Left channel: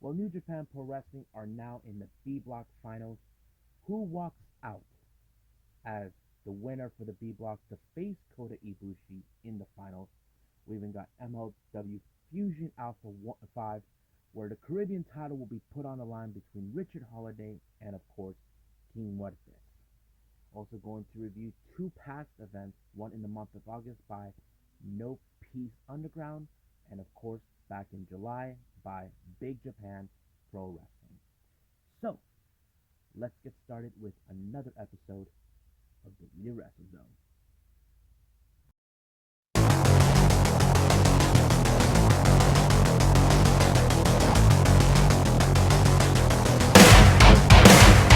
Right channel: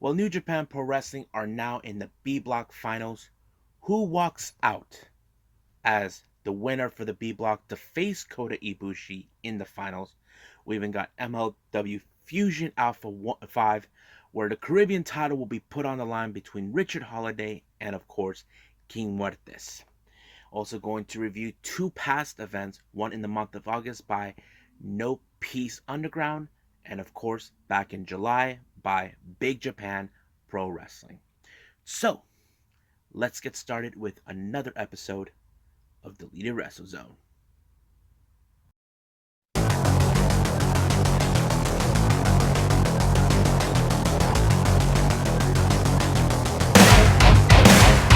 Well, New Japan Pro Wrestling are now in the B Block finals. Who walks out as the winner for the B Block to face Kota Ibushi in the finals? We even got MLW Fusion Alpha 5, where the Caribbean title will be put on the line between Richard Holliday and, of course, King Muertes. Also going to review two past events, one in the month of August by No Peace Underground, and of course back in July by Big Japan Pro Wrestling. So let's get started with another episode of Deleted Wrestle Zone.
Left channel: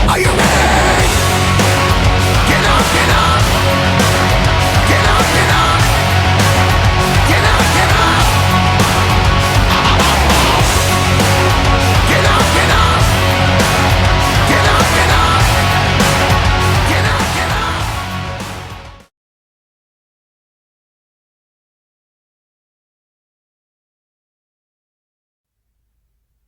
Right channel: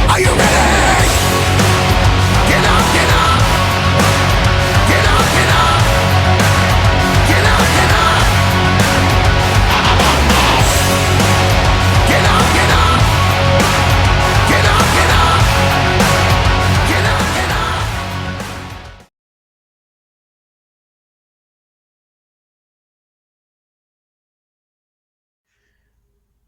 Are you ready? Get up, get up! Get up, get up! Get up, get up! Get up, get up! Get up, get up! Get up, get up!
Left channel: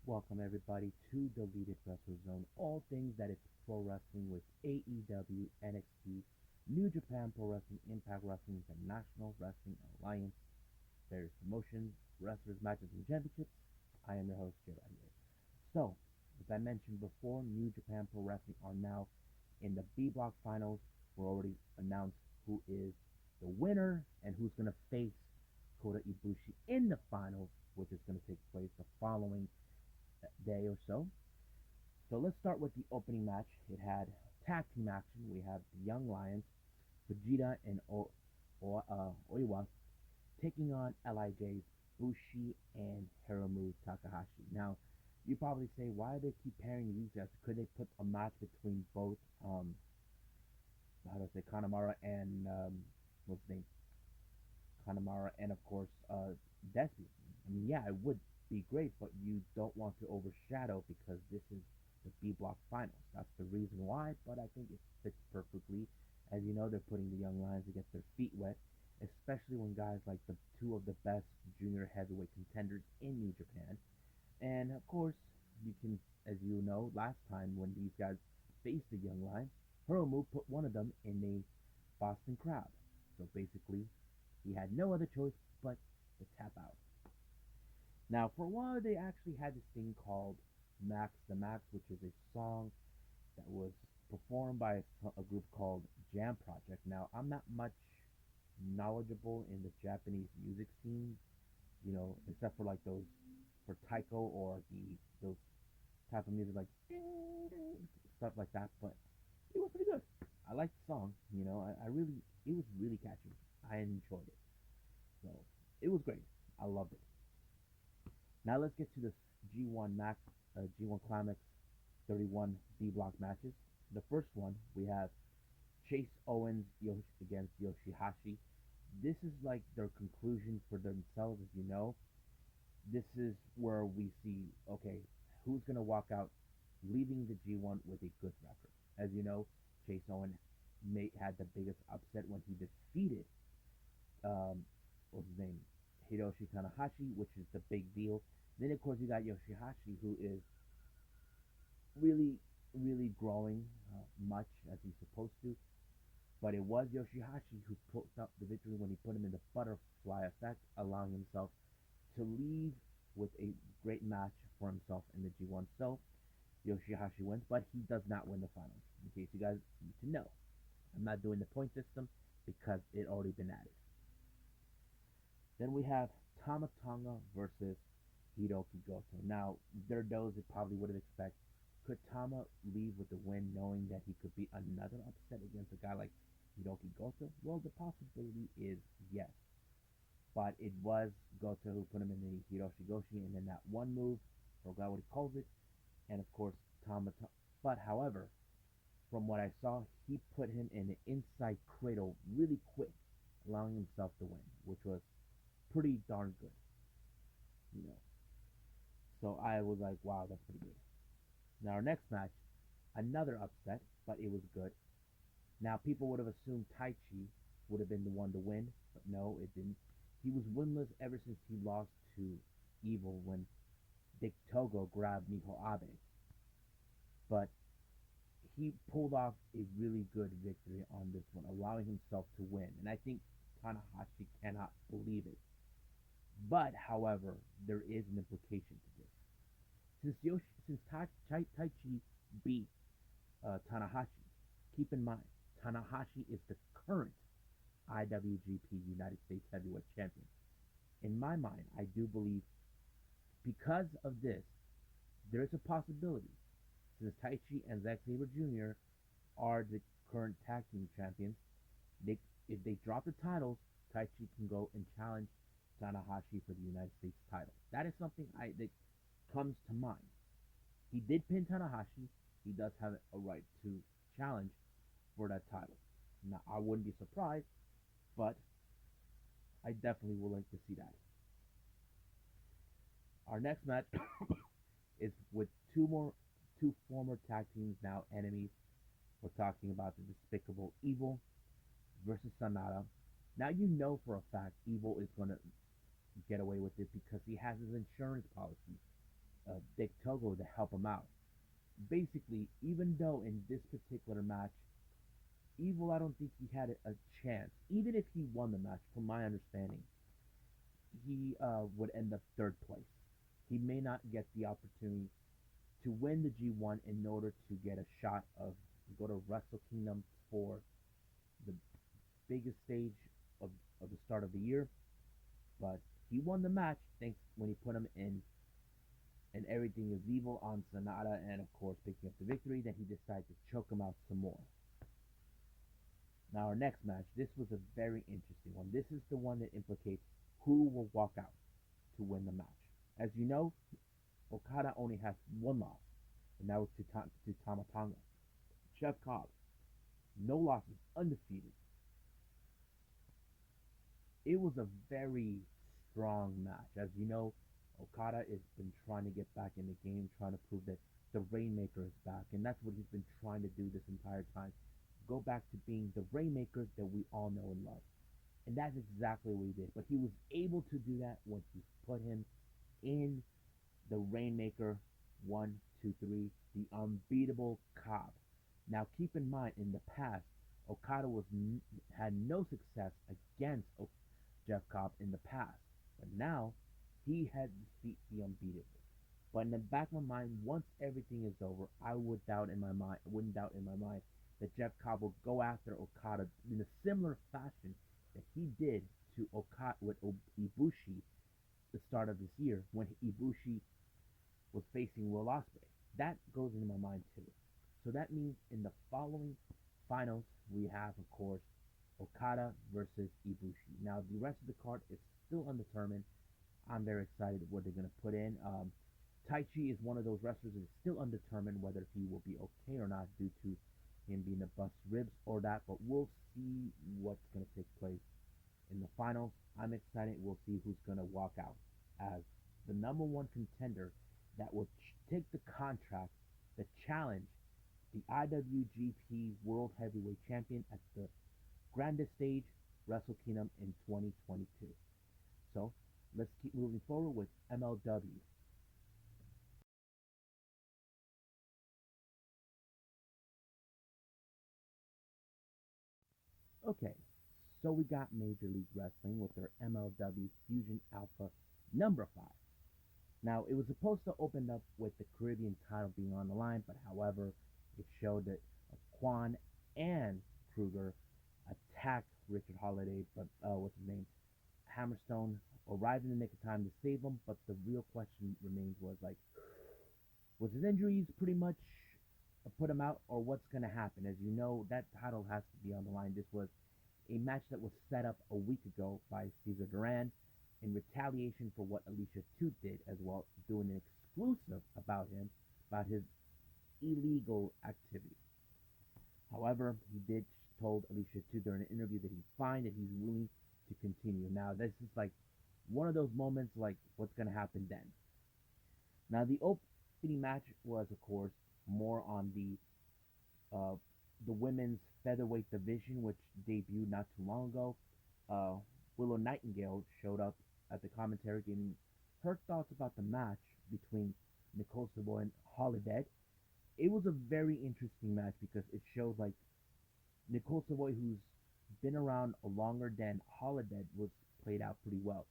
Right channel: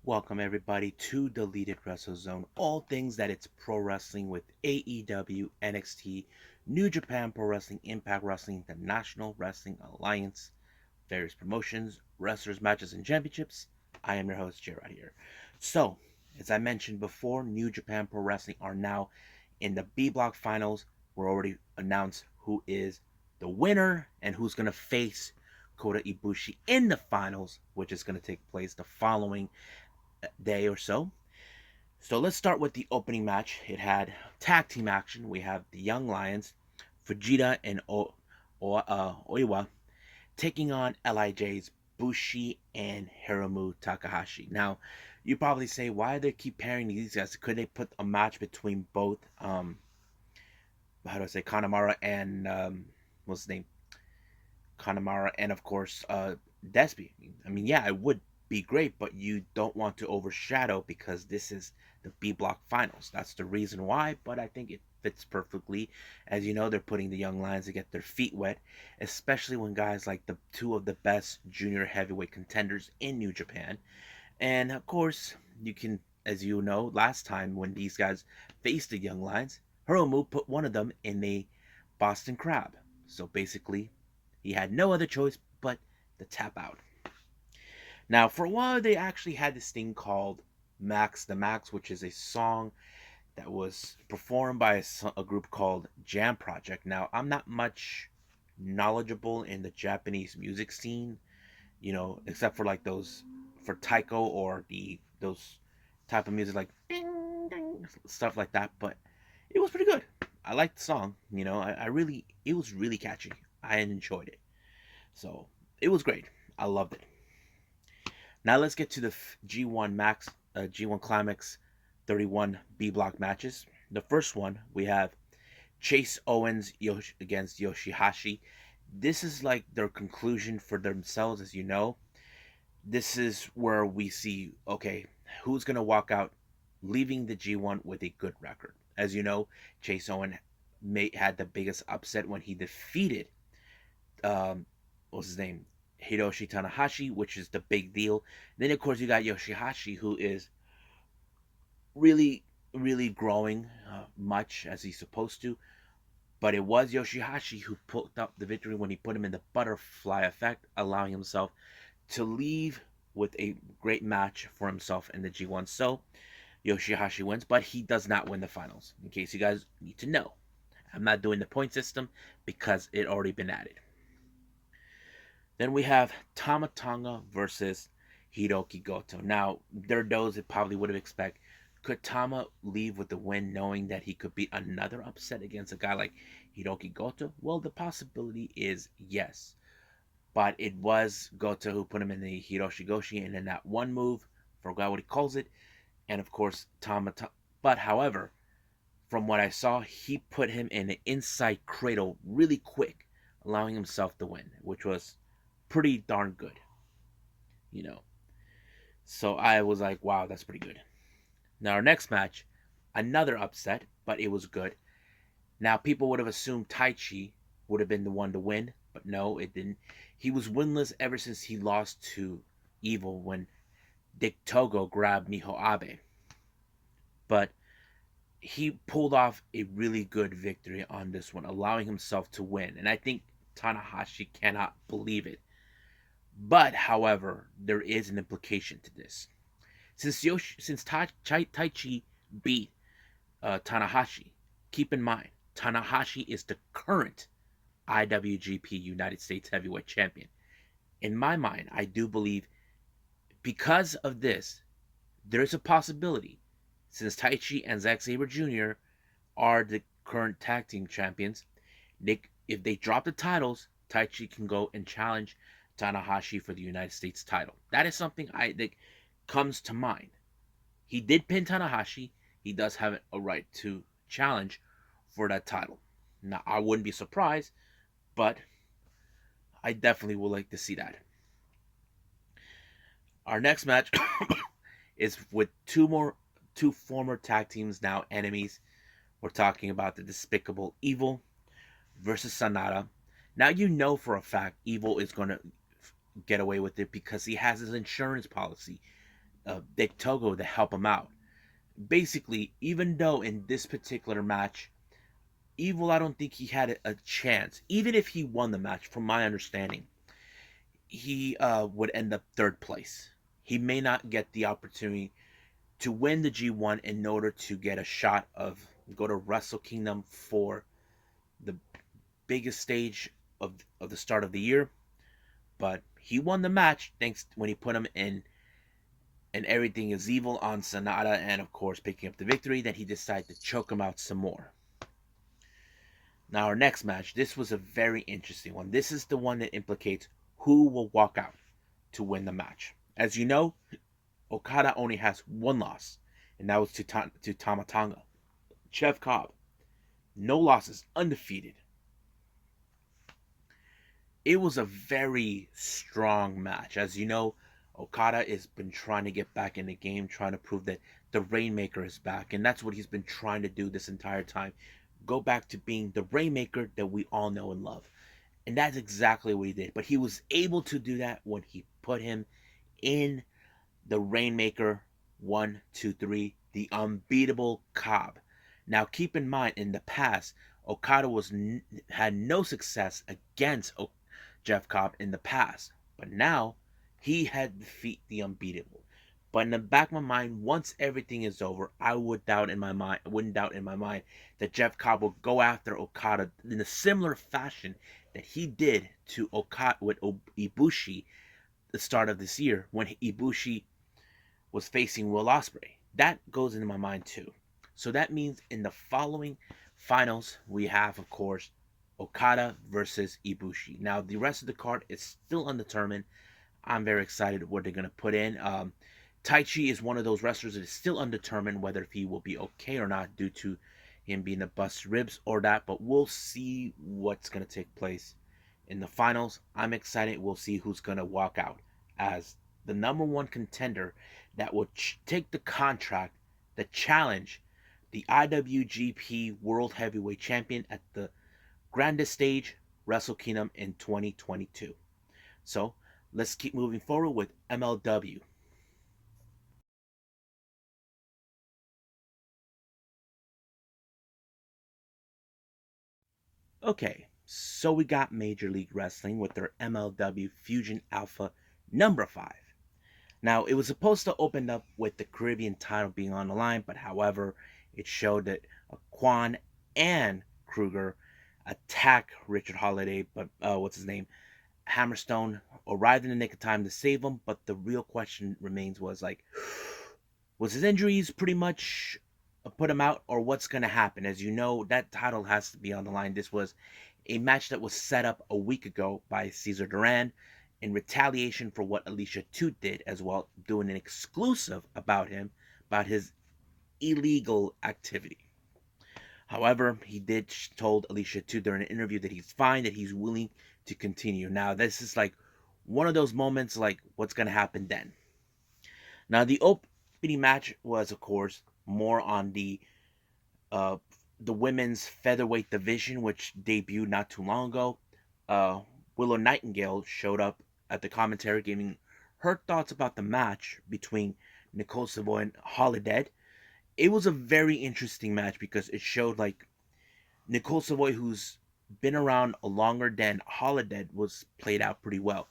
Welcome everybody to Deleted Wrestle Zone. All things that it's pro wrestling with AEW, NXT, New Japan Pro Wrestling, Impact Wrestling, the National Wrestling Alliance, various promotions, wrestlers, matches, and championships. I am your host, Gerard here. So, as I mentioned before, New Japan Pro Wrestling are now in the B Block finals. We're already announced who is the winner and who's going to face Kota Ibushi in the finals, which is going to take place the following day or so. So let's start with the opening match. It had tag team action. We have the Young Lions, Fujita and Oiwa, taking on LIJ's Bushi and Hiromu Takahashi. Now, you probably say, why do they keep pairing these guys? Could they put a match between both, how do I say, Kanemaru and, what's his name? Kanemaru and, of course, Despi. I mean, yeah, it would be great, but you don't want to overshadow because this is the B Block finals. That's the reason why, but I think it fits perfectly. As you know, they're putting the young lions to get their feet wet, especially when guys like the two of the best junior heavyweight contenders in New Japan. And of course, you can, as you know, last time when these guys faced the young lions, Hiromu put one of them in a Boston Crab. So basically, he had no other choice but to tap out. Now, for a while, they actually had this thing called Max the Max, which is a song that was performed by a group called Jam Project. Now, I'm not much knowledgeable in the Japanese music scene, except for like those for taiko or those type of music like ding, ding, stuff like that. But it was pretty good. I liked the song. I really it was really catchy. I enjoyed it. So it was great. I loved it. Now let's get to the G1 Max, G1 Climax 31 B block matches. The first one we have Chase Owens against Yoshihashi. This is like their conclusion for themselves, as you know. This is where we see, okay, who's gonna walk out, leaving the G1 with a good record. As you know, Chase Owens had the biggest upset when he defeated what's his name, Hiroshi Tanahashi, which is the big deal. Then of course you got Yoshihashi, who is really, really growing much as he's supposed to. But it was Yoshihashi who put up the victory when he put him in the butterfly effect, allowing himself to leave with a great match for himself in the G1. So Yoshihashi wins, but he does not win the finals. In case you guys need to know, I'm not doing the point system because it already been added. Then we have Tama Tonga versus Hiroki Goto. Now, there are those that probably would have expected, could Tama leave with the win knowing that he could beat another upset against a guy like Hiroki Goto? Well, the possibility is yes. But it was Goto who put him in the Hiroshi Goshi and in that one move, forgot what he calls it, and of course but however, from what I saw, he put him in an inside cradle really quick, allowing himself to win, which was pretty darn good, you know. So I was like, wow, that's pretty good. Now our next match, another upset, but it was good. Now people would have assumed Taichi would have been the one to win, but no, it didn't. He was winless ever since he lost to Evil when Dick Togo grabbed Miho Abe, but he pulled off a really good victory on this one, allowing himself to win. And I think Tanahashi cannot believe it. But, however, there is an implication to this. Since Tai Chi beat Tanahashi, keep in mind, Tanahashi is the current IWGP United States Heavyweight Champion. In my mind, I do believe because of this, there's a possibility, since Taichi and Zack Sabre Jr. are the current tag team champions, if they drop the titles, Taichi can go and challenge Tanahashi for the United States title. That is something I think comes to mind. He did pin Tanahashi. He does have a right to challenge for that title. Now, I wouldn't be surprised, but I definitely would like to see that. Our next match is with two former tag teams now enemies. We're talking about the Despicable Evil versus Sanada. Now you know for a fact Evil is going to get away with it because he has his insurance policy, Dick Togo, to help him out. Basically, even though in this particular match, Evil, I don't think he had a chance. Even if he won the match, from my understanding, he would end up third place. He may not get the opportunity to win the G1 in order to get a shot of go to Wrestle Kingdom for the biggest stage of the start of the year. But he won the match thanks when he put him in and everything is evil on Sanada and of course picking up the victory. Then he decided to choke him out some more. Now our next match, this was a very interesting one. This is the one that implicates who will walk out to win the match. As you know, Okada only has one loss, and that was to Tama Tonga. Jeff Cobb, no losses, undefeated. It was a very strong match. As you know, Okada has been trying to get back in the game, trying to prove that the Rainmaker is back, and that's what he's been trying to do this entire time. Go back to being the Rainmaker that we all know and love. And that's exactly what he did. But he was able to do that when he put him in the Rainmaker 1, 2, 3, the unbeatable Cobb. Now keep in mind, in the past, Okada had no success against Jeff Cobb in the past, but now he had defeat the unbeatable. But in the back of my mind, once everything is over, I wouldn't doubt in my mind that Jeff Cobb will go after Okada in a similar fashion that he did to Okada with Ibushi the start of this year when Ibushi was facing Will Ospreay. That goes into my mind too. So that means in the following finals, we have, of course, Okada versus Ibushi. Now, the rest of the card is still undetermined. I'm very excited what they're going to put in. Taichi is one of those wrestlers that is still undetermined whether he will be okay or not due to him being a bust ribs or that, but we'll see what's going to take place in the finals. I'm excited. We'll see who's going to walk out as the number one contender that will take the contract, the challenge, the IWGP World Heavyweight Champion at the grandest stage, Wrestle Kingdom in 2022. So let's keep moving forward with MLW. Okay, so we got Major League Wrestling with their MLW Fusion ALPHA number 5. Now, it was supposed to open up with the Caribbean title being on the line, but however, it showed that Quan and Kruger attack Richard Holliday, but what's his name? Hammerstone arrived in the nick of time to save him, but the real question remains was like, was his injuries pretty much put him out, or what's going to happen? As you know, that title has to be on the line. This was a match that was set up a week ago by Cesar Duran in retaliation for what Alicia Toot did as well, doing an exclusive about him, about his illegal activity. However, he did told Alicia Toot during an interview that he's fine, that he's willing to continue. Now, this is like one of those moments like what's going to happen then. Now, the opening match was, of course, more on uh, the women's featherweight division, which debuted not too long ago. Uh, Willow Nightingale showed up at the commentary, giving her thoughts about the match between Nicole Savoy and Holliday. It was a very interesting match because it showed like Nicole Savoy, who's been around longer than Holliday, was played out pretty well.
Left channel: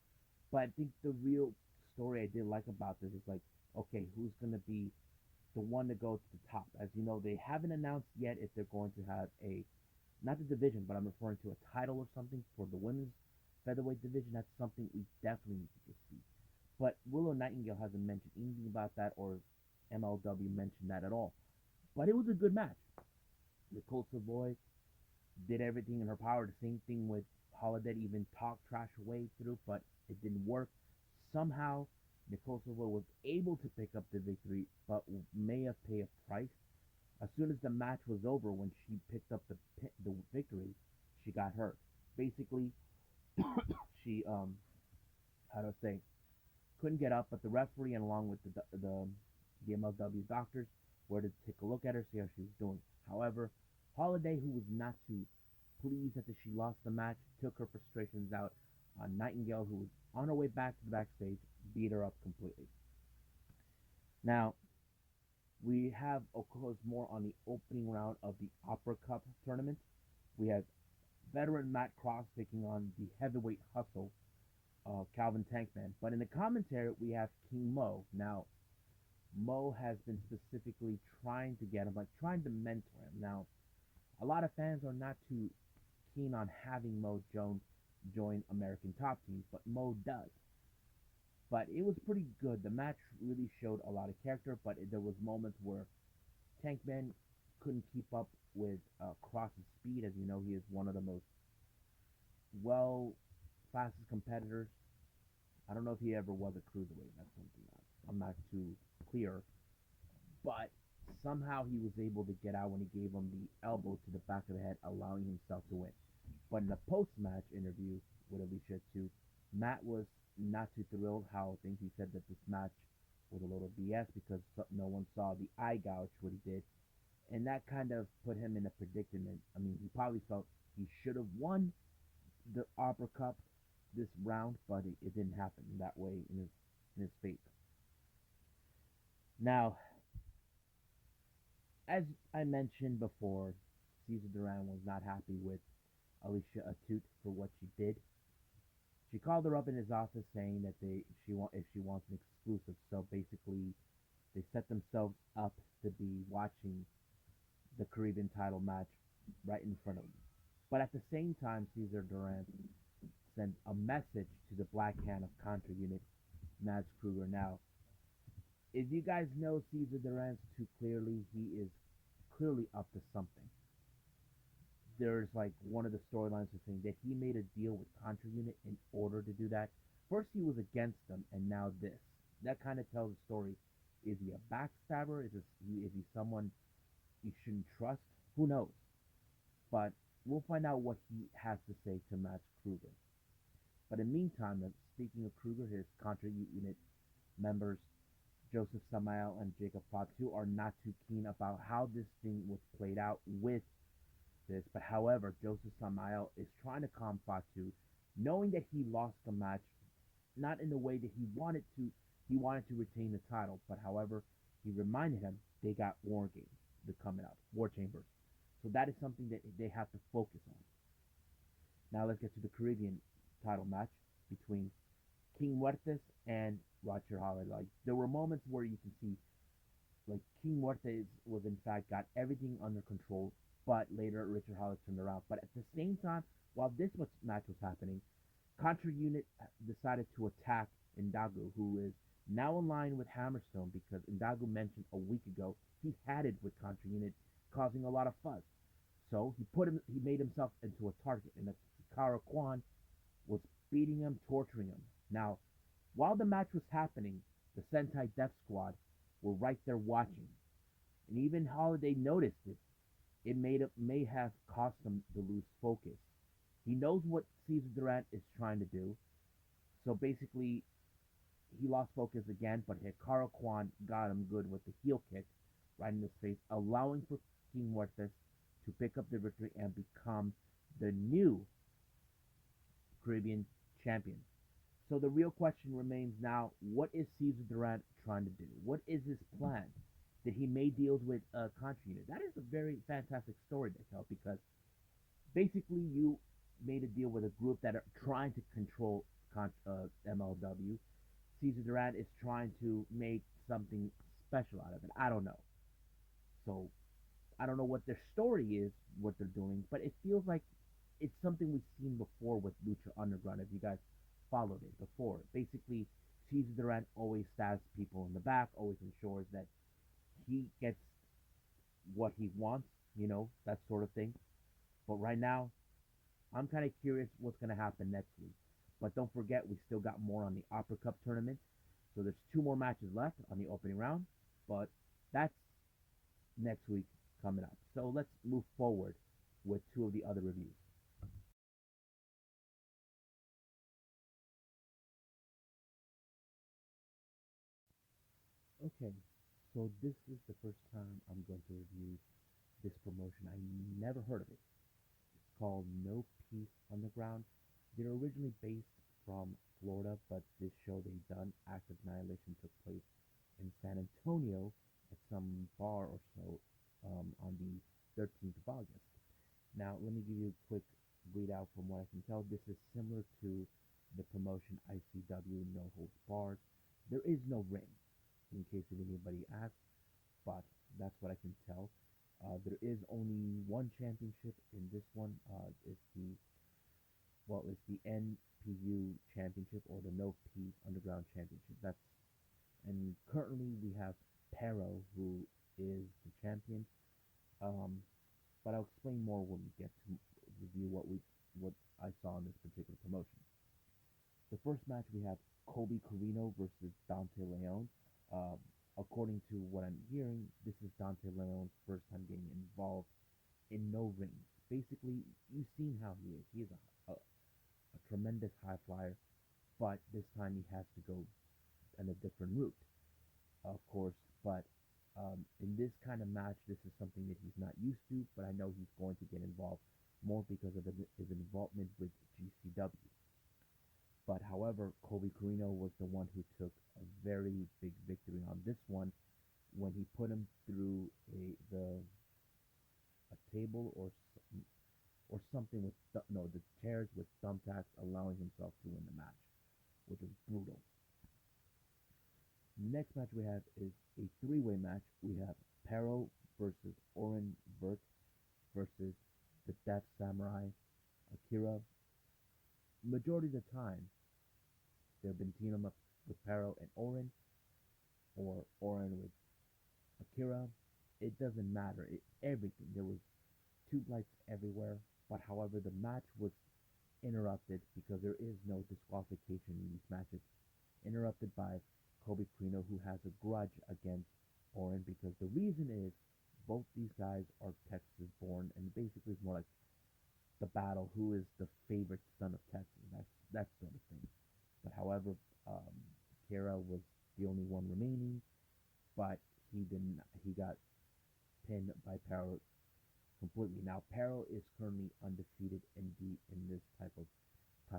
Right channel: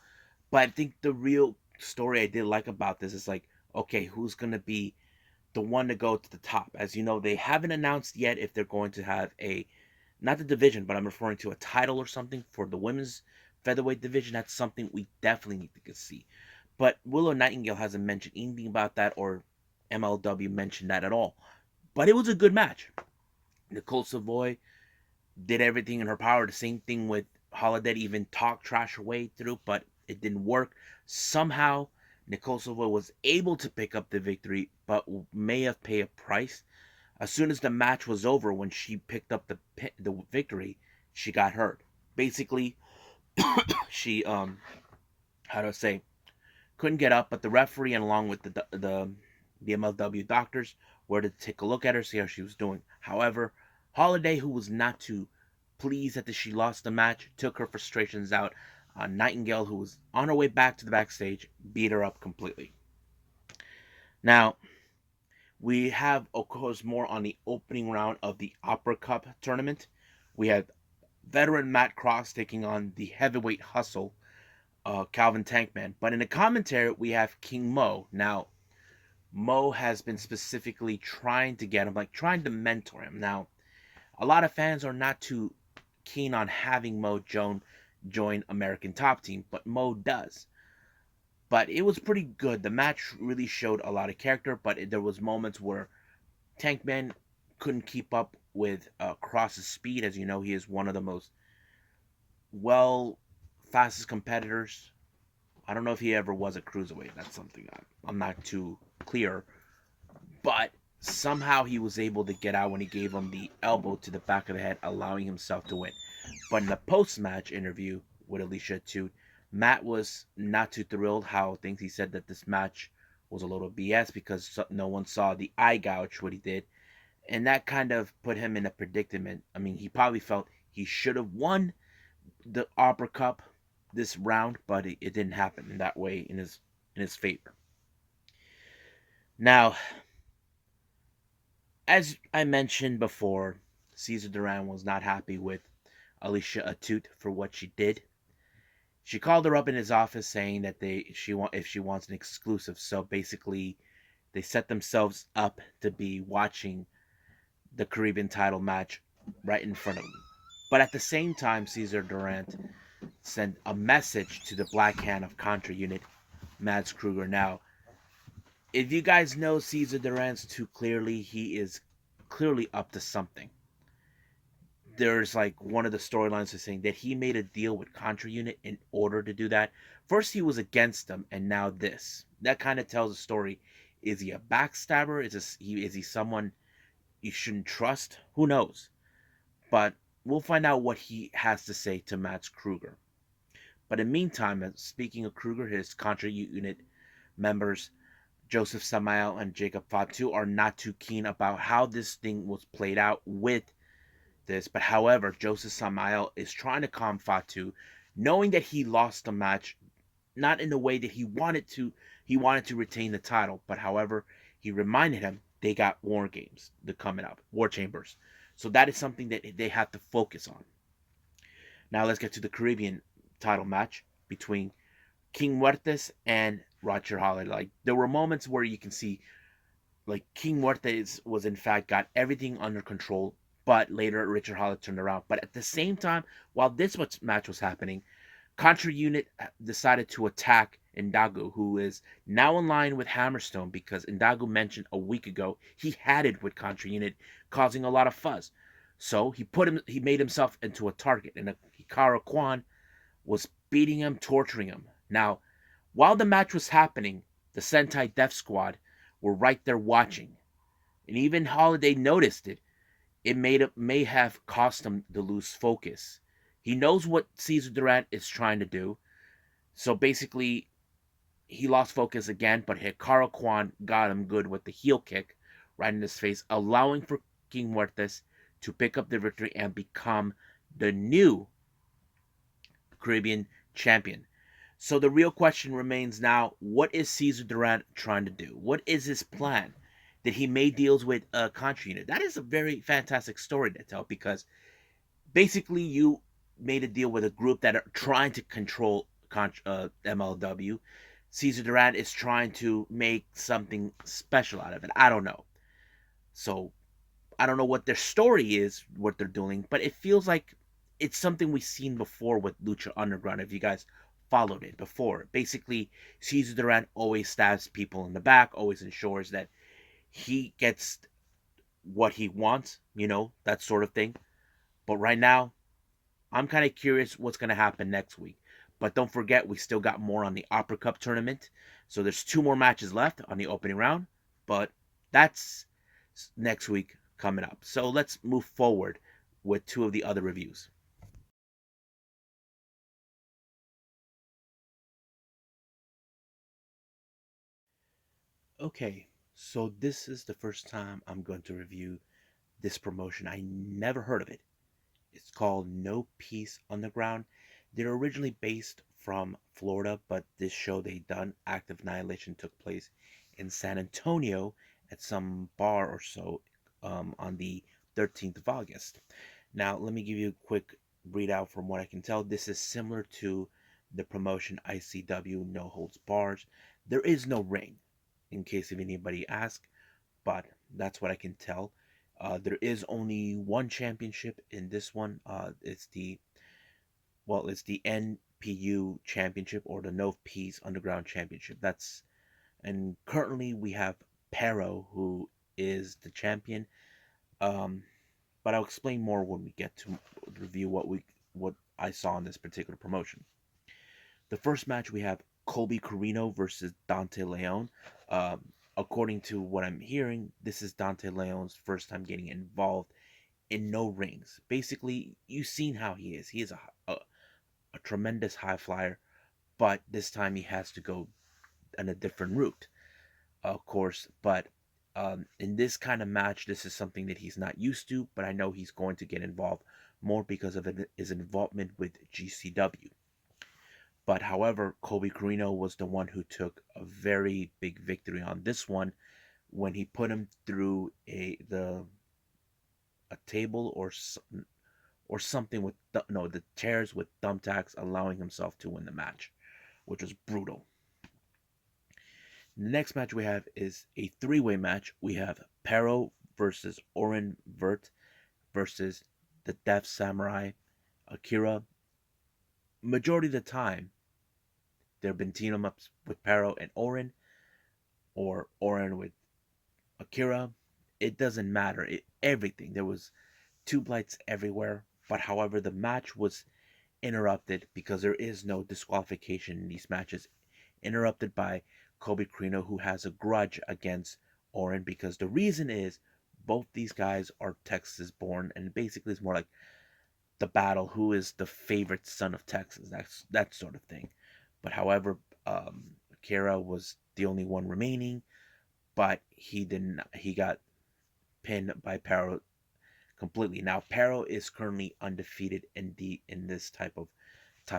But I think the real story I did like about this is like, okay, who's gonna be the one to go to the top? As you know, they haven't announced yet if they're going to have a, not the division, but I'm referring to a title or something for the women's featherweight division. That's something we definitely need to see. But Willow Nightingale hasn't mentioned anything about that, or MLW mentioned that at all. But it was a good match. Nicole Savoy did everything in her power. The same thing with Holiday, even talked trash her way through, but it didn't work. Somehow, Nicole Savoy was able to pick up the victory, but may have paid a price. As soon as the match was over, when she picked up the victory, she got hurt. Basically, she how do I say, couldn't get up, but the referee and along with the MLW doctors were to take a look at her, see how she was doing. However, Holiday, who was not too pleased that she lost the match, took her frustrations out on Nightingale, who was on her way back to the backstage, beat her up completely. Now, we have, of course, more on the opening round of the Opera Cup tournament. We had veteran Matt Cross taking on the heavyweight hustle, Calvin Tankman. But in the commentary, we have King Mo. Now, Mo has been specifically trying to get him, like trying to mentor him. Now, a lot of fans are not too keen on having Mo join American Top Team, but Mo does. But it was pretty good. The match really showed a lot of character, but there was moments where Tankman couldn't keep up with Cross's speed. As you know, he is one of the most well fastest competitors. I don't know if he ever was a cruiserweight. That's something I'm not too clear. But somehow he was able to get out when he gave him the elbow to the back of the head, allowing himself to win. But in the post-match interview with Alicia Atout, Matt was not too thrilled how things. He said that this match was a little BS because no one saw the eye gouge what he did, and that kind of put him in a predicament. I mean, he probably felt he should have won the Opera Cup this round, but it didn't happen in that way in his favor. Now, as I mentioned before, Cesar Duran was not happy with Alicia Atout for what she did. She called her up in his office saying that if she wants an exclusive. So basically, they set themselves up to be watching the Caribbean title match right in front of them. But at the same time, Cesar Durant sent a message to the Black Hand of Contra Unit, Mads Kruger. Now, if you guys know Cesar Durant too clearly, he is clearly up to something. There's like one of the storylines is saying that he made a deal with Contra Unit in order to do that. First he was against them, and now this. That kind of tells a story. Is he a backstabber? Is he someone you shouldn't trust? Who knows? But we'll find out what he has to say to Mads Kruger. But in the meantime, speaking of Kruger, his Contra Unit members Joseph Samael and Jacob Fatu are not too keen about how this thing was played out with this. But however, Joseph Samael is trying to calm Fatu, knowing that he lost the match, not in the way that he wanted to. He wanted to retain the title, but however, he reminded him they got War Games coming up, War Chambers. So that is something that they have to focus on. Now let's get to the Caribbean title match between King Muertes and Roger Holliday. Like there were moments where you can see like King Muertes was in fact got everything under control, but later Richard Holliday turned around. But at the same time, while this match was happening, Contra Unit decided to attack Ndagu, who is now in line with Hammerstone because Ndagu mentioned a week ago he had it with Contra Unit, causing a lot of fuzz. So he made himself into a target, and Hikaru Kwan was beating him, torturing him. Now, while the match was happening, the Sentai Death Squad were right there watching. And even Holiday noticed it. It may have cost him to lose focus. He knows what Cesar Durant is trying to do. So basically, he lost focus again, but Hikaru Kwan got him good with the heel kick right in his face, allowing for King Muertes to pick up the victory and become the new Caribbean champion. So the real question remains now: what is Cesar Durant trying to do? What is his plan? Did he make deals with a Contra unit? That is a very fantastic story to tell because basically you made a deal with a group that are trying to control MLW. Cesar Durant is trying to make something special out of it. I don't know. So I don't know what their story is, what they're doing, but it feels like it's something we've seen before with Lucha Underground. If you guys followed it before, basically Cesar Durant always stabs people in the back, always ensures that he gets what he wants, that sort of thing. But right now, I'm kind of curious what's going to happen next week. But don't forget, we still got more on the Opera Cup tournament. So there's two more matches left on the opening round. But that's next week coming up. So let's move forward with two of the other reviews. Okay, so this is the first time I'm going to review this promotion. I never heard of it. It's called No Peace Underground. They're originally based from Florida, but this show they done, Active Annihilation, took place in San Antonio at some bar or so on the 13th of August. Now, let me give you a quick readout from what I can tell. This is similar to the promotion ICW No Holds Bars. There is no ring, in case if anybody asks, but that's what I can tell. There is only one championship in this one. It's the NPU championship, or the No Peace Underground Championship. And currently we have Pero, who is the champion. Um, but I'll explain more when we get to review what I saw in this particular promotion. The first match we have Colby Carino versus Dante Leon. Um, According to what I'm hearing, this is Dante Leon's first time getting involved in no rings. Basically, you've seen how he is. He is a tremendous high flyer, but this time he has to go on a different route, of course. But in this kind of match, this is something that he's not used to, but I know he's going to get involved more because of his involvement with GCW. But however, Colby Carino was the one who took a very big victory on this one when he put him through a table or something with no, the chairs with thumbtacks, allowing himself to win the match, which was brutal. The next match we have is a three-way match. We have Pero versus Oren Vert versus the Deaf Samurai Akira. Majority of the time, there have been team ups with Pero and Oren, or Oren with Akira. It doesn't matter. Everything. There was tube lights everywhere. But however, the match was interrupted because there is no disqualification in these matches. Interrupted by Kobe Carino, who has a grudge against Oren because the reason is both these guys are Texas born, and basically it's more like the battle who is the favorite son of Texas. That's that sort of thing. But however, Akira was the only one remaining, but he didn't. He got pinned by Pero completely. Now Pero is currently undefeated in this type of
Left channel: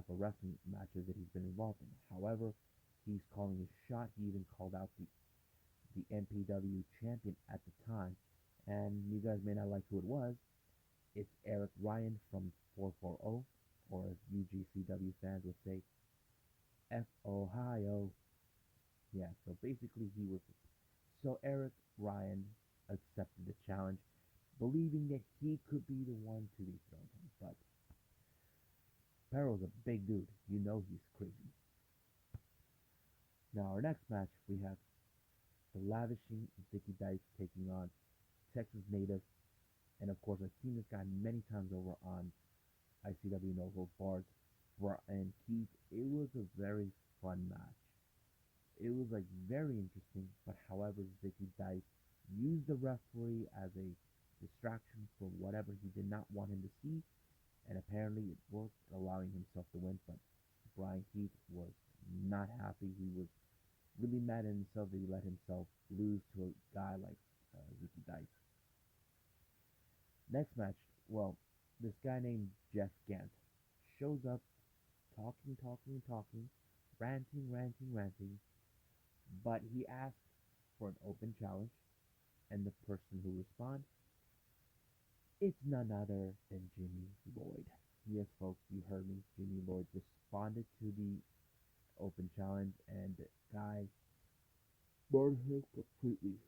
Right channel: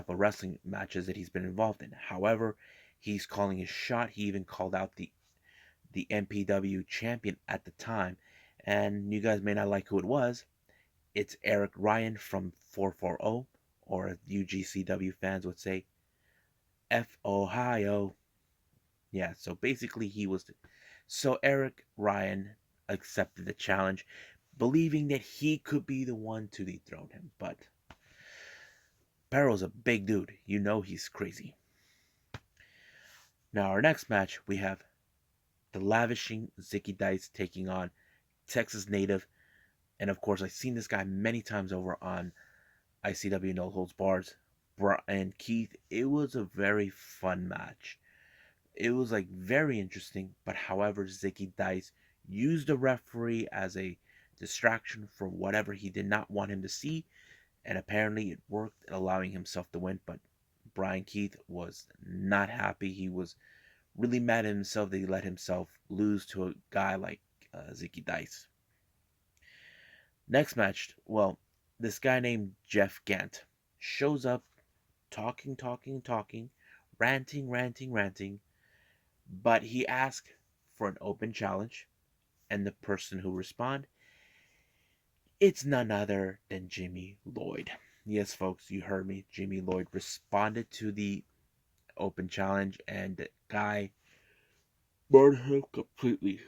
wrestling matches that he's been involved in. However, he's calling his shot. He even called out the MPW champion at the time, and you guys may not like who it was. It's Eric Ryan from 440, or as UGCW fans would say, F Ohio. Yeah, so basically he was. So Eric Ryan accepted the challenge, believing that he could be the one to dethrone him. But Barrow's a big dude. You know he's crazy. Now, our next match, we have the lavishing Zicky Dice taking on Texas native. And of course, I've seen this guy many times over on ICW No Holds Bars. And Keith, it was a very fun match. It was like very interesting, but however, Zicky Dice used the referee as a distraction for whatever he did not want him to see, and apparently it worked, allowing himself to win. But Brian Keith was not happy. He was really mad at himself that he let himself lose to a guy like Zicky Dice. Next match, well, this guy named Jeff Gant shows up talking, talking, talking, ranting, ranting, ranting. But he asked for an open challenge, and the person who responded, it's none other than Jimmy Lloyd. Yes, folks, you heard me. Jimmy Lloyd responded to the open challenge, and the guy burned him completely.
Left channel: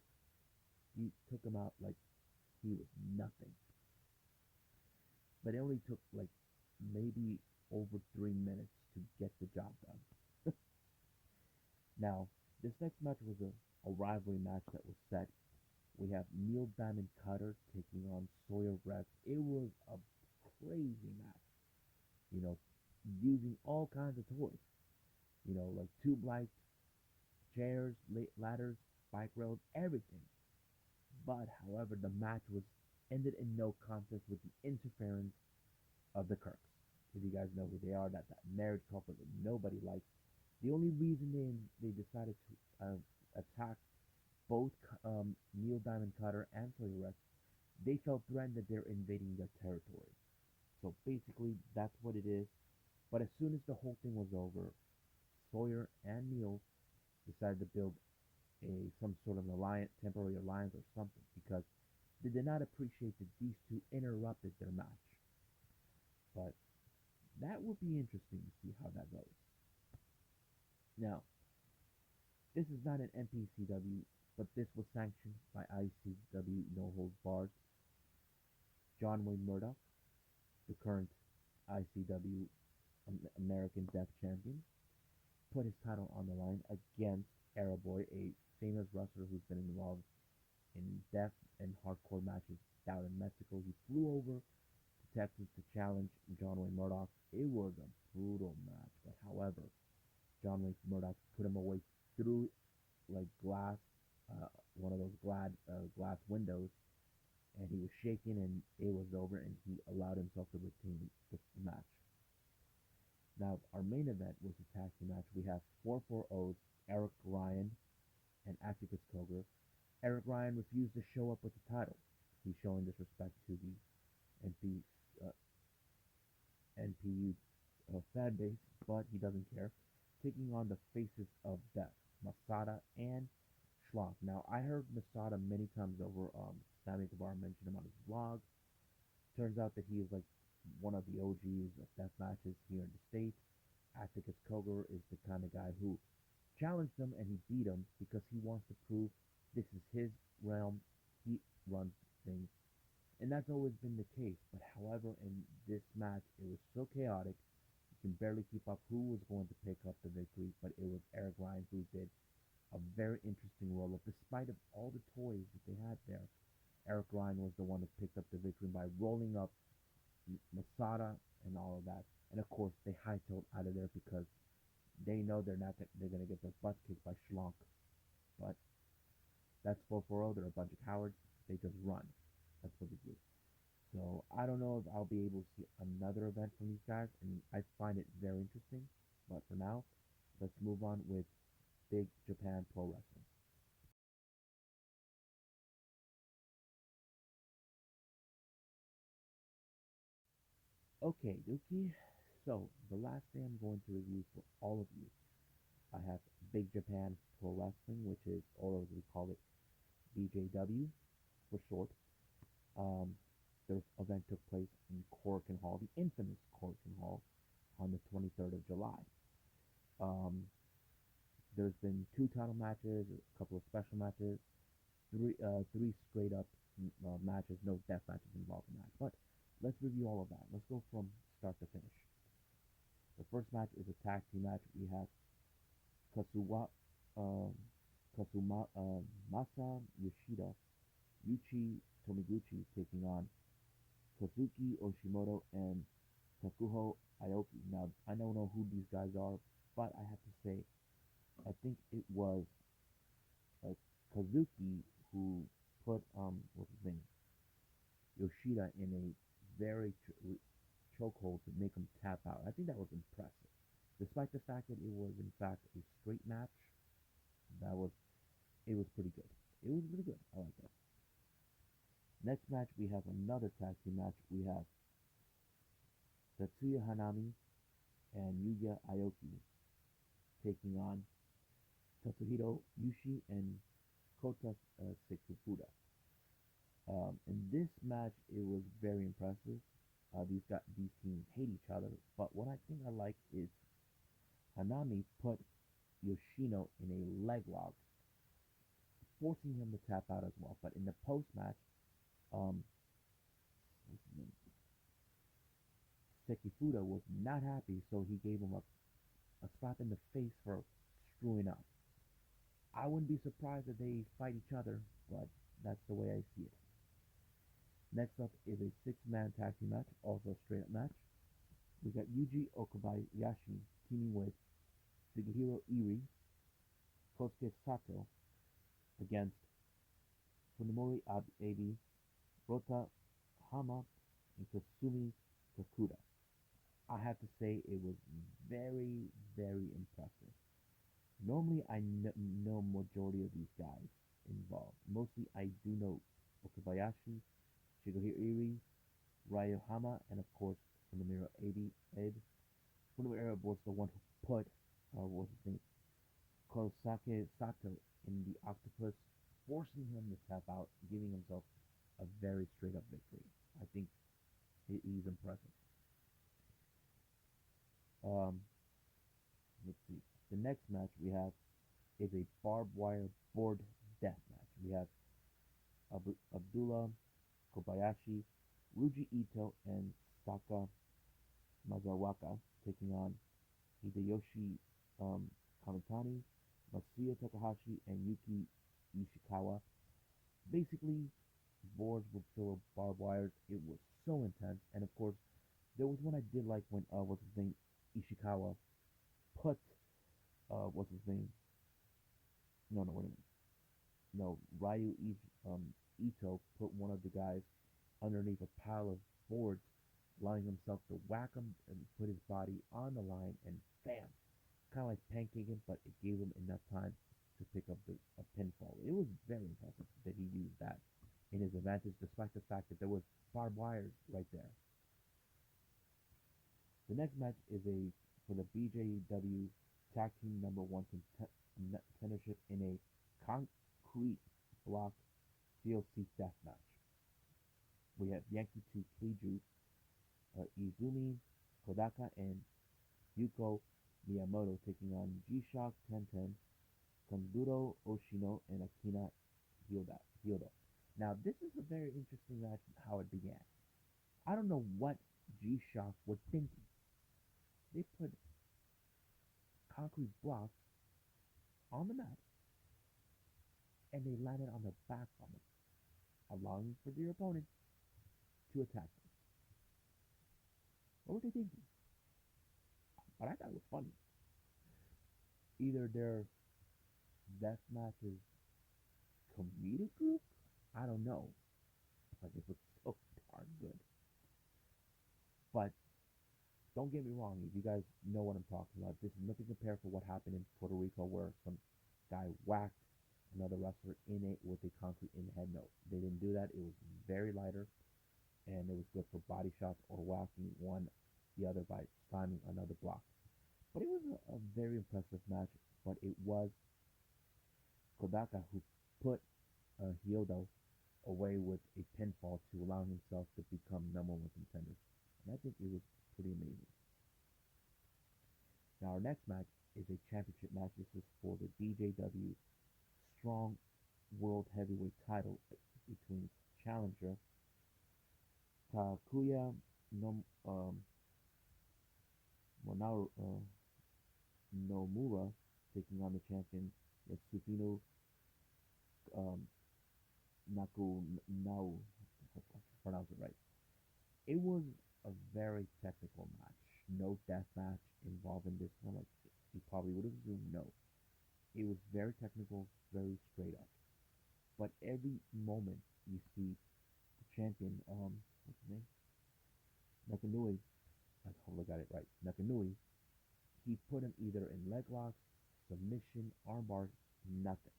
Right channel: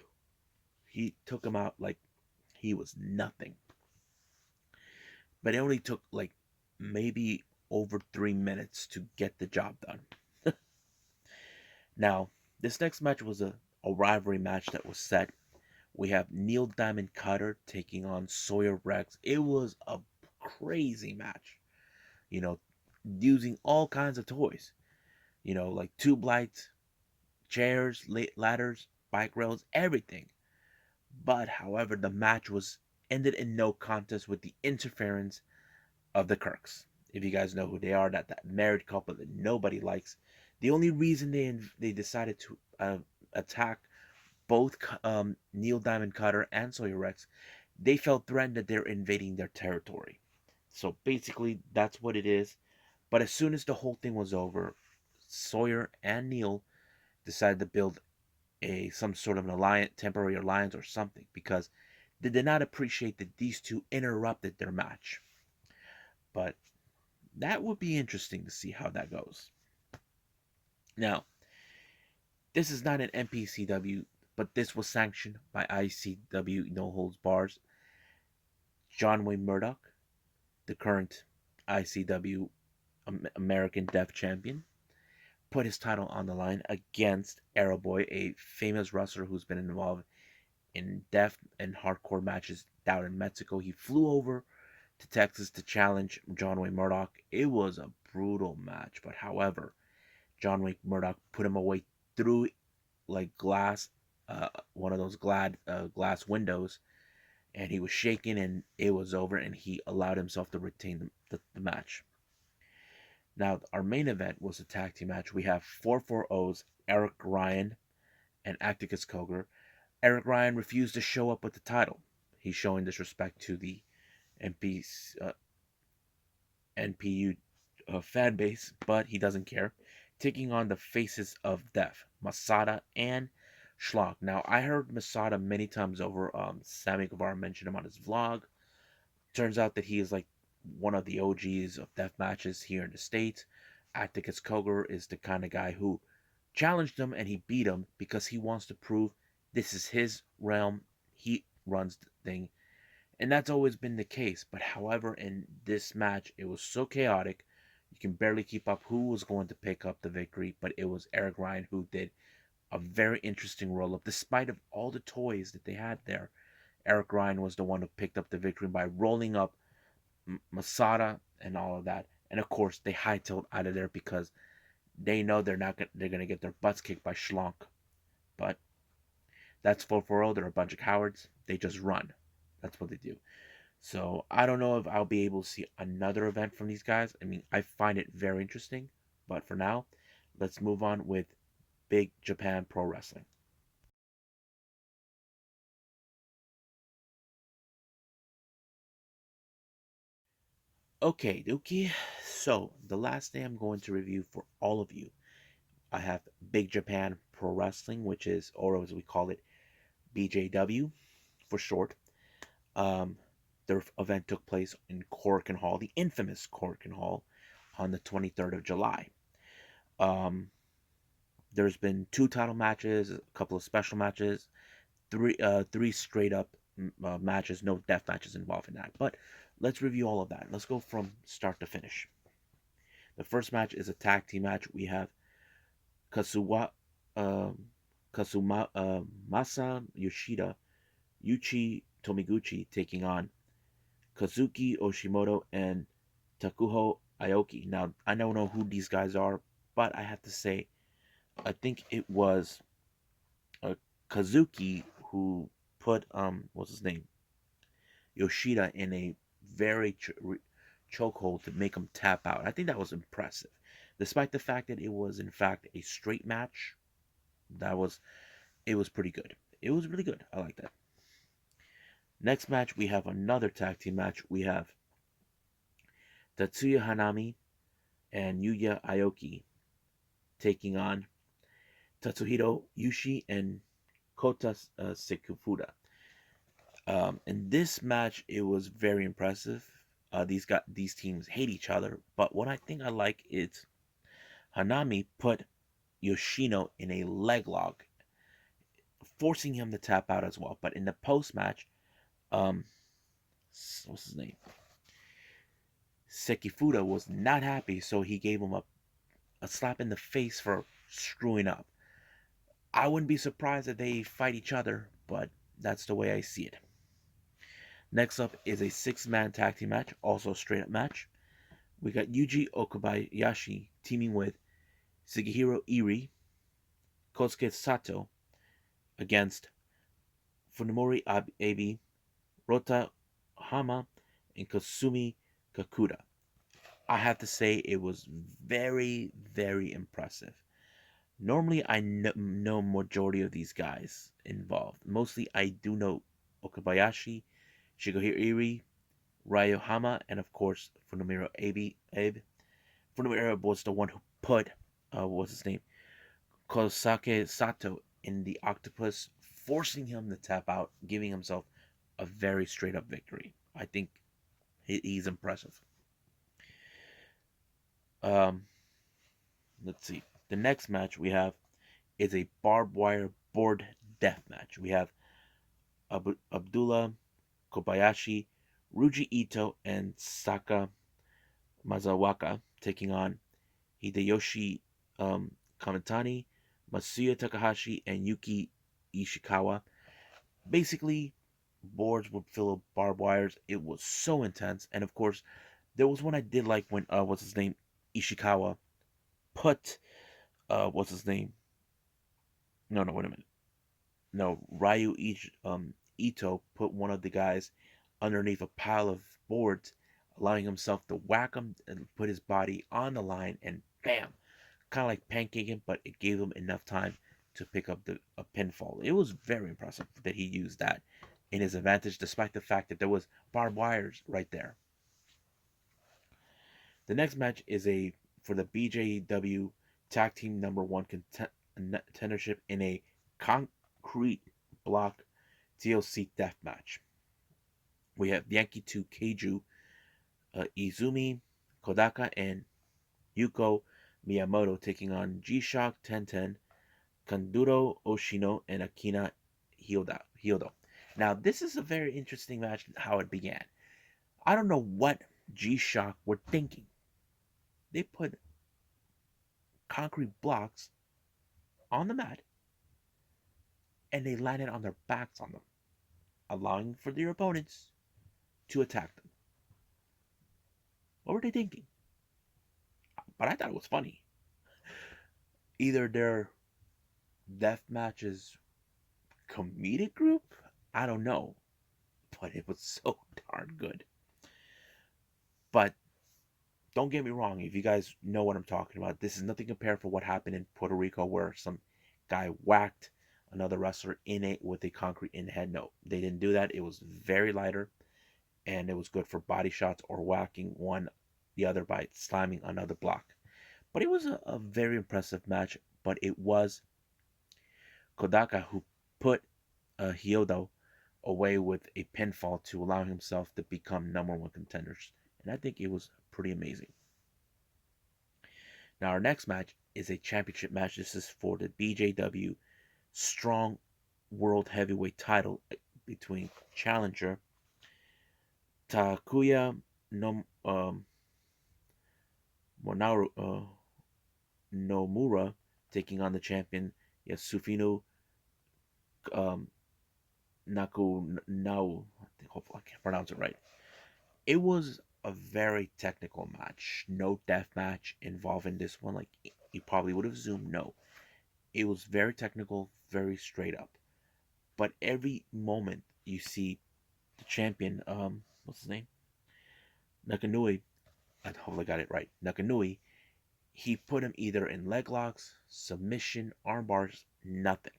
He took him out like he was nothing. But it only took like maybe over 3 minutes to get the job done. Now, this next match was a rivalry match that was set. We have Neil Diamond Cutter taking on Sawyer Rex. It was a crazy match. You know, using all kinds of toys. Like tube lights, chairs, ladders, bike rails, everything. But however, the match was ended in no contest with the interference of the Kirks. If you guys know who they are, that married couple that nobody likes. The only reason they decided to attack both Neil Diamond Cutter and Sawyer Rex, they felt threatened that they're invading their territory. So basically, that's what it is. But as soon as the whole thing was over, Sawyer and Neil decided to build a some sort of an alliance, temporary alliance or something, because they did not appreciate that these two interrupted their match. But that would be interesting to see how that goes. Now, this is not an NPCW, but this was sanctioned by ICW No Holds Bars. John Wayne Murdoch, the current ICW American Death Champion, put his title on the line against Arrowboy, a famous wrestler who's been involved in death and hardcore matches down in Mexico. He flew over to Texas to challenge John Wayne Murdoch. It was a brutal match, but however, John Wayne Murdoch put him away through like glass, one of those glass windows, and he was shaking, and it was over, and he allowed himself to retain the match. Now, our main event was a tag team match. We have 440's Eric Ryan and Atticus Cogar. Eric Ryan refused to show up with the title. He's showing disrespect to the MP, NPU fan base, but he doesn't care. Taking on the faces of death, Masada and Schlock. Now, I heard Masada many times over. Sammy Guevara mentioned him on his vlog. Turns out that he is like one of the OGs of death matches here in the States. Atticus Cogar is the kind of guy who challenged him and he beat him because he wants to prove this is his realm. He runs the thing. And that's always been the case. But however, in this match, it was so chaotic. You can barely keep up who was going to pick up the victory, but it was Eric Ryan who did a very interesting roll up. Despite of all the toys that they had there, Eric Ryan was the one who picked up the victory by rolling up Masada and all of that. And of course, they hightailed out of there because they know they're gonna get their butts kicked by Schlonk. But that's 440. They're a bunch of cowards. They just run. That's what they do. So I don't know if I'll be able to see another event from these guys. I mean, I find it very interesting. But for now, let's move on with Big Japan Pro Wrestling. Okay, Dookie. So the last thing I'm going to review for all of you, I have Big Japan Pro Wrestling, which is, or as we call it, BJW for short. Um, their event took place in Korakuen Hall, the infamous Korakuen Hall, on the 23rd of July. Um, there's been two title matches, a couple of special matches, three straight up matches, no death matches involved in that. But let's review all of that. Let's go from start to finish. The first match is a tag team match. We have Kasuwa, um, Masa Yoshida, Yuchi Tomiguchi taking on Kazuki Oshimoto and Takuho Aoki. Now, I don't know who these guys are, but I have to say, I think it was Kazuki who put what's his name, Yoshida in a very chokehold to make him tap out. I think that was impressive, despite the fact that it was in fact a straight match. That was it was pretty good. It was really good. I like that. Next match, we have another tag team match. We have Tatsuya Hanami and Yuya Aoki taking on Tatsuhiro Yushi and Kota Sekufuda. In this match, it was very impressive. These teams hate each other, but what I think I like is Hanami put Yoshino in a leg lock, forcing him to tap out as well. But in the post match, um, what's his name? Sekifuda was not happy, so he gave him a slap in the face for screwing up. I wouldn't be surprised if they fight each other, but that's the way I see it. Next up is a six-man tag team match, also a straight up match. We got Yuji Okabayashi teaming with Sugihiro Iri, Kosuke Sato against Funimori Abe, Rota Hama, and Kasumi Kakuda. I have to say it was very, very impressive. Normally, I know majority of these guys involved. Mostly, I do know Okabayashi, Shigeru Iri, Ryo Hama, and of course, Funimiro Abe. Funimiro Abe was the one who put, what's his name, Kosake Sato in the octopus, forcing him to tap out, giving himself a very straight up victory. I think he's impressive. Um, let's see. The next match we have is a barbed wire board death match. We have Abdullah Kobayashi, Ruji Ito, and Saka Mazawaka taking on Hideyoshi Kamitani, Masuya Takahashi, and Yuki Ishikawa. Basically, boards would fill up barbed wires. It was so intense, and of course, there was one I did like when what's his name, Ishikawa put what's his name? No, no, wait a minute. No, Ito put one of the guys underneath a pile of boards, allowing himself to whack him and put his body on the line, and bam, kind of like pancaking, but it gave him enough time to pick up a pinfall. It was very impressive that he used that in his advantage, despite the fact that there was barbed wires right there. The next match is a for the BJW Tag Team Number One contendership in a concrete block TLC death match. We have Yankee 2 Keiju, Izumi Kodaka, and Yuko Miyamoto taking on G-Shock 1010, Kanduro Oshino, and Akina Hyodo. Now, this is a very interesting match, how it began. I don't know what G-Shock were thinking. They put concrete blocks on the mat and they landed on their backs on them, allowing for their opponents to attack them. What were they thinking? But I thought it was funny. Either their death matches comedic group, I don't know, but it was so darn good. But don't get me wrong, if you guys know what I'm talking about, this is nothing compared to what happened in Puerto Rico where some guy whacked another wrestler in it with a concrete in the head. No, they didn't do that. It was very lighter and it was good for body shots or whacking one the other by slamming another block. But it was a very impressive match, but it was Kodaka who put Hyodo away with a pinfall to allow himself to become number one contenders. And I think it was pretty amazing. Now, our next match is a championship match. This is for the BJW Strong World Heavyweight title between challenger Takuya no, Monaru, Nomura taking on the champion Yasufino um, Naku. Hopefully, I can't pronounce it right. It was a very technical match. No death match involving this one. Like you probably would have assumed. No, it was very technical, very straight up. But every moment you see the champion, what's his name, Nakanui. I hopefully got it right. Nakanui. He put him either in leg locks, submission, arm bars, nothing,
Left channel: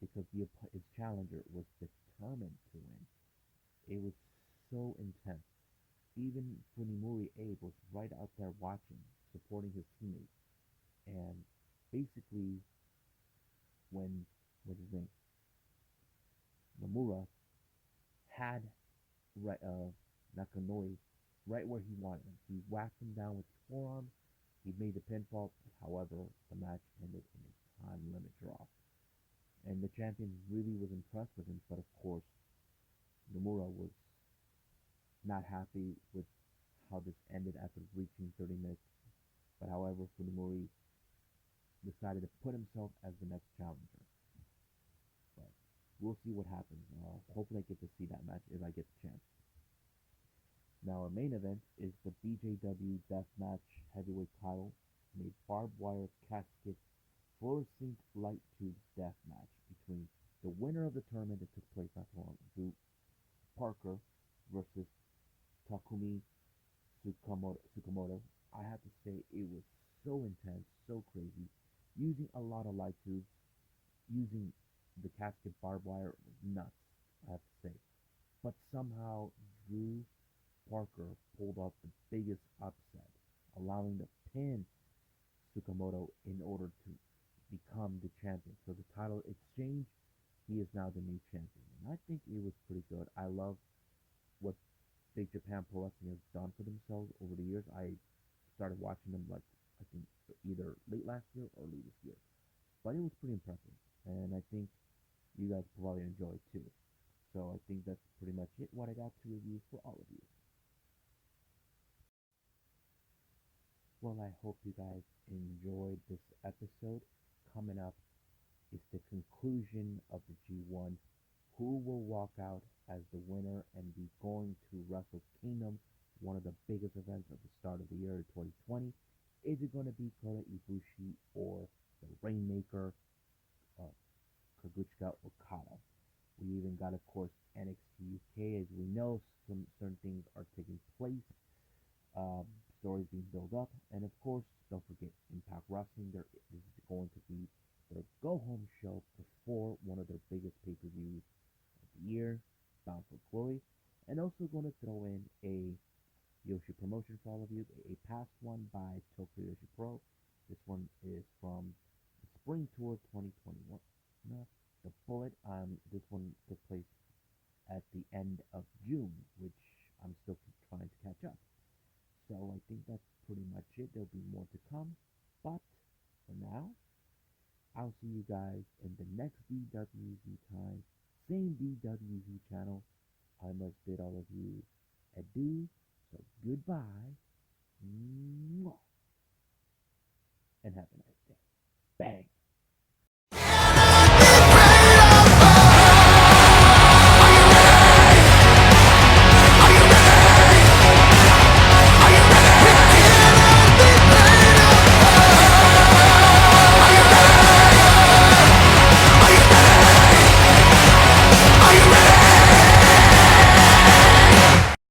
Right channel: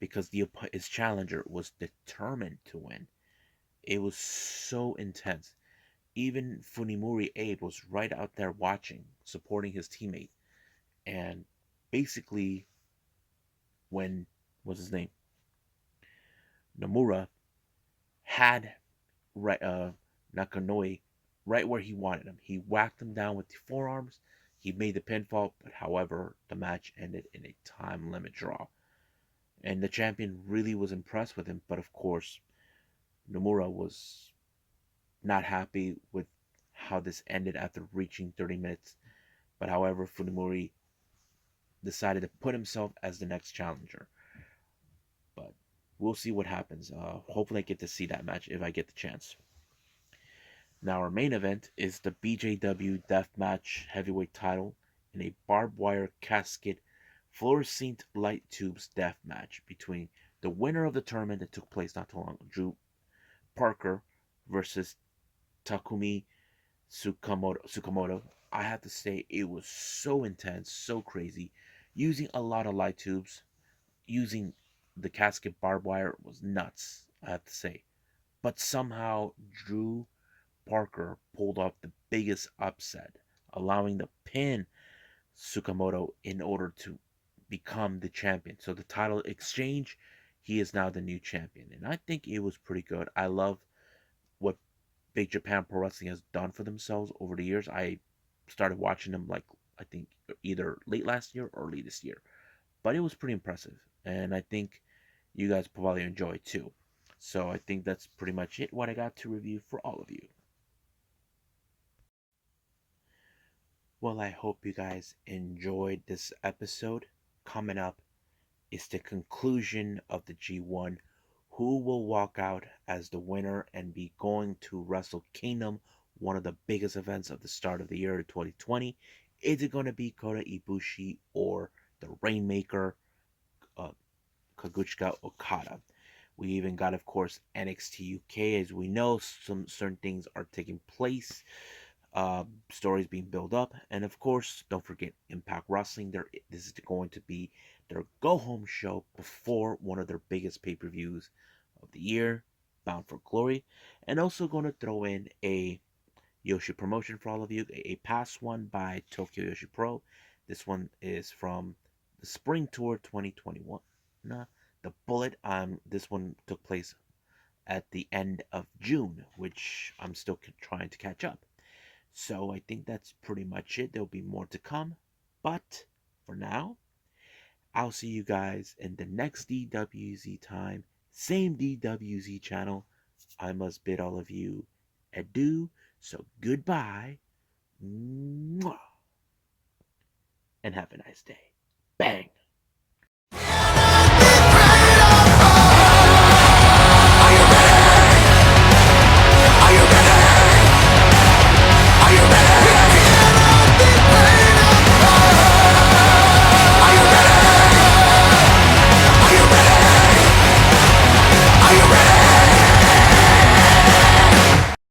because his challenger was determined to win. It was so intense. Even Funimori Abe was right out there watching, supporting his teammate. And basically, when what's his name, Nomura had right Nakanoe right where he wanted him. He whacked him down with the forearms. He made the pinfall, but however, the match ended in a time limit draw. And the champion really was impressed with him, but of course, Nomura was not happy with how this ended after reaching 30 minutes. But however, Funimori decided to put himself as the next challenger. But we'll see what happens. Hopefully, I get to see that match if I get the chance. Now, our main event is the BJW Deathmatch Heavyweight title in a barbed wire casket fluorescent light tubes death match between the winner of the tournament that took place not too long ago, Drew Parker versus Takumi Tsukamoto. I have to say, it was so intense, so crazy. Using a lot of light tubes, using the casket barbed wire was nuts, I have to say. But somehow, Drew Parker pulled off the biggest upset, allowing the pin Tsukamoto in order to become the champion. So the title exchange, he is now the new champion. And I think it was pretty good. I love what Big Japan Pro Wrestling has done for themselves over the years. I started watching them like I think either late last year or early this year. But it was pretty impressive. And I think you guys probably enjoy it too. So I think that's pretty much it what I got to review for all of you. Well, I hope you guys enjoyed this episode. Coming up is the conclusion of the G1. Who will walk out as the winner and be going to Wrestle Kingdom, one of the biggest events of the start of the year 2020? Is it going to be Kota Ibushi or the Rainmaker, uh, Kaguchika Okada? We even got, of course, NXT UK. As we know, some certain things are taking place, stories being built up, and of course, don't forget Impact Wrestling. This is going to be their go home show before one of their biggest pay per views of the year, Bound for Glory, and also going to throw in a Yoshi promotion for all of you, a past one by Tokyo Yoshi Pro. This one is from the Spring Tour 2021. Nah, the Bullet. This one took place at the end of June, which I'm still trying to catch up. So I think that's pretty much it. There'll be more to come. But for now, I'll see you guys in the next DWZ time. Same DWZ channel. I must bid all of you adieu. So goodbye. Mwah, and have a nice day. Bang.